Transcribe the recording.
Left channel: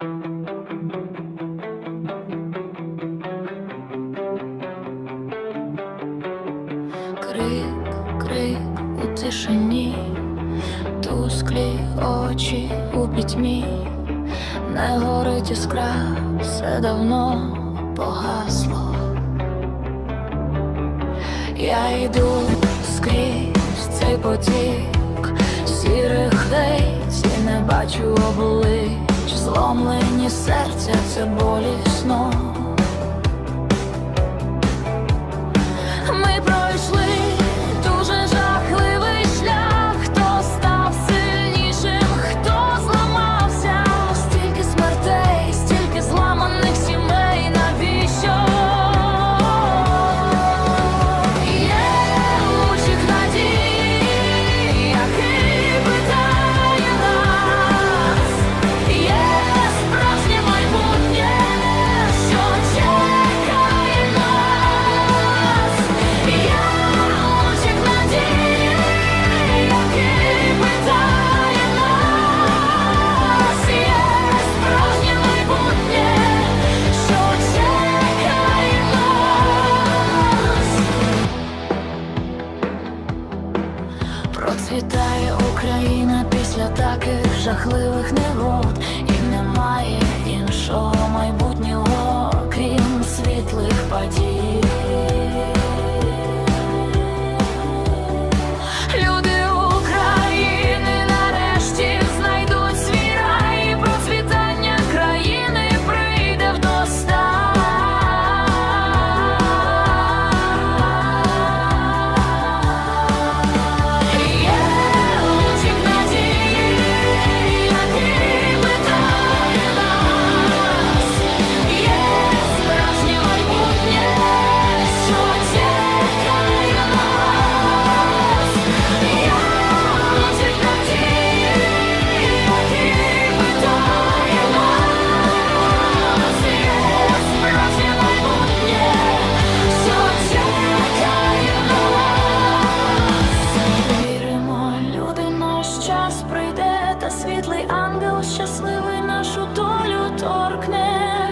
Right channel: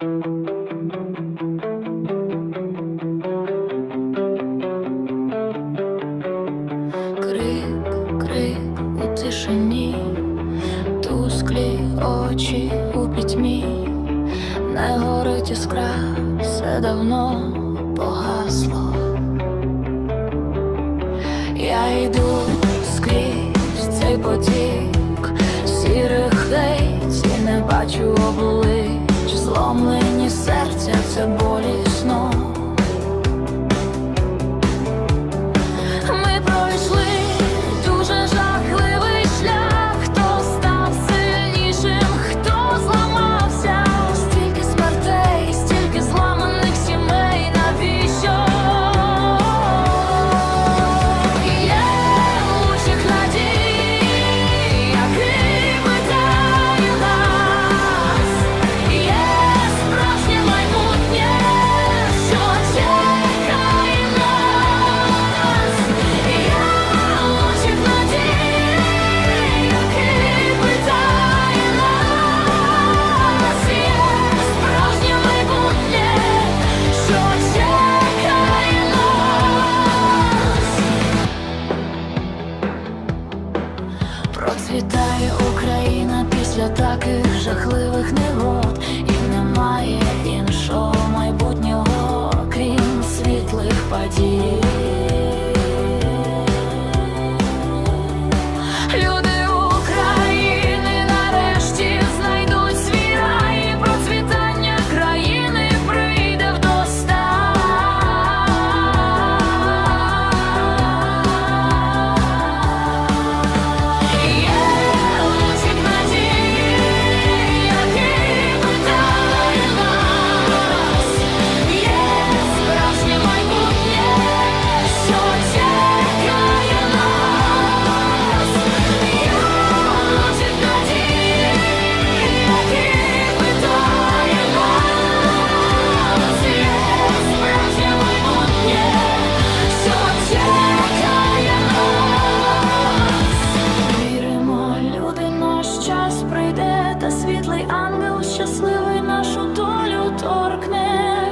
Крик, крик у тишині, тусклі очі у пітьмі, не горить іскра, все давно погасло. Я йду скрізь цей потік сірих і не бачу облич, зломлені серця, це болісно. Процвітає Україна після таких жахливих негод, і немає іншого майбутнього, крім світлих подій. Час прийде, та світлий ангел щасливий нашу долю торкне.